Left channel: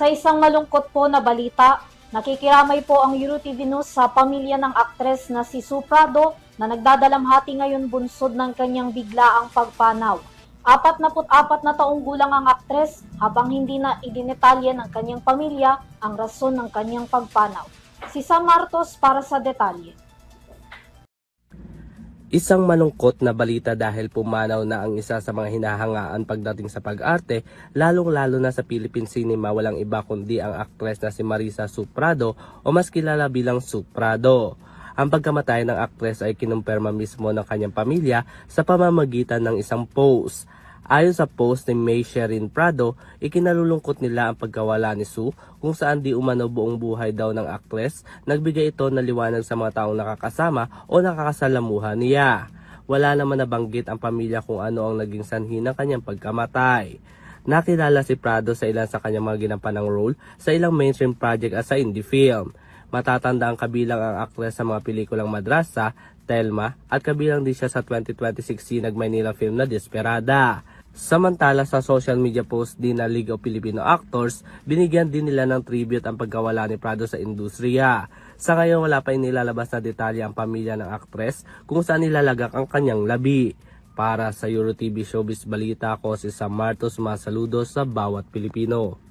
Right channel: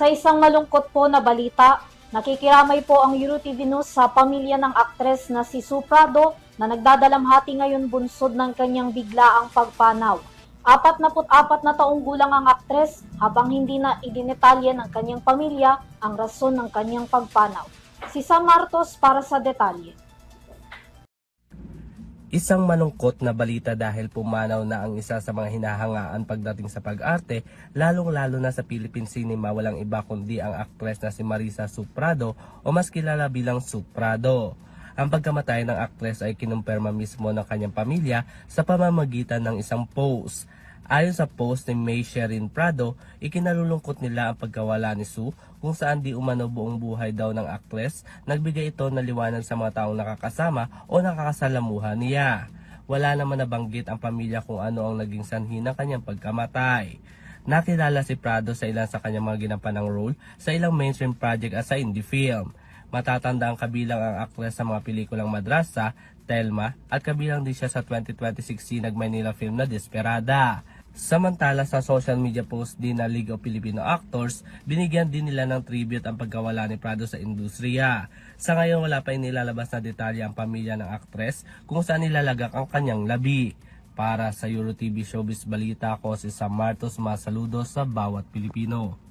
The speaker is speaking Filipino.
Sa isang malungkot po na balita, nakikiramay po ang EuroTV News sa pamilya ng aktres na si Sue Prado na nagdadalamhati ngayon bunsod ng kanyang biglaang pagpanaw. 44 na taong gulang ang aktres habang hindi na idinetalye ng kanyang pamilya ang rason ng kanyang pagpanaw. Si Sam Martos para sa detalye. Isang malungkot na balita dahil pumanaw na ang isa sa mga hinahangaan pagdating sa pag-arte, lalong-lalo na sa Philippine cinema, walang iba kundi ang aktres na si Marisa Sue Prado o mas kilala bilang Sue Prado. Ang pagkamatay ng aktres ay kinumpirma mismo ng kanyang pamilya sa pamamagitan ng isang post. Ayon sa post ni May Sherin Prado, ikinalulungkot nila ang pagkawala ni Sue kung saan di umano buong buhay daw ng aktres. Nagbigay ito ng liwanag sa mga taong nakakasama o nakakasalamuha niya. Wala naman nabanggit ang pamilya kung ano ang naging sanhi ng kanyang pagkamatay. Nakilala si Prado sa ilan sa kanyang mga ginampanang role sa ilang mainstream project at sa indie film. Matatanda ang kabilang ang aktres sa mga pelikulang Madrasa, Telma at kabilang din siya sa 2026 Sinag Maynila film na Desperada. Samantala sa social media post din na League of Filipino Actors, binigyan din nila ng tribute ang pagkawala ni Prado sa industriya. Sa ngayon wala pa inilalabas na detalye ang pamilya ng aktres kung saan nilalagak ang kanyang labi. Para sa EuroTV Showbiz Balita, ako si Sam Martos, masaludos sa bawat Pilipino.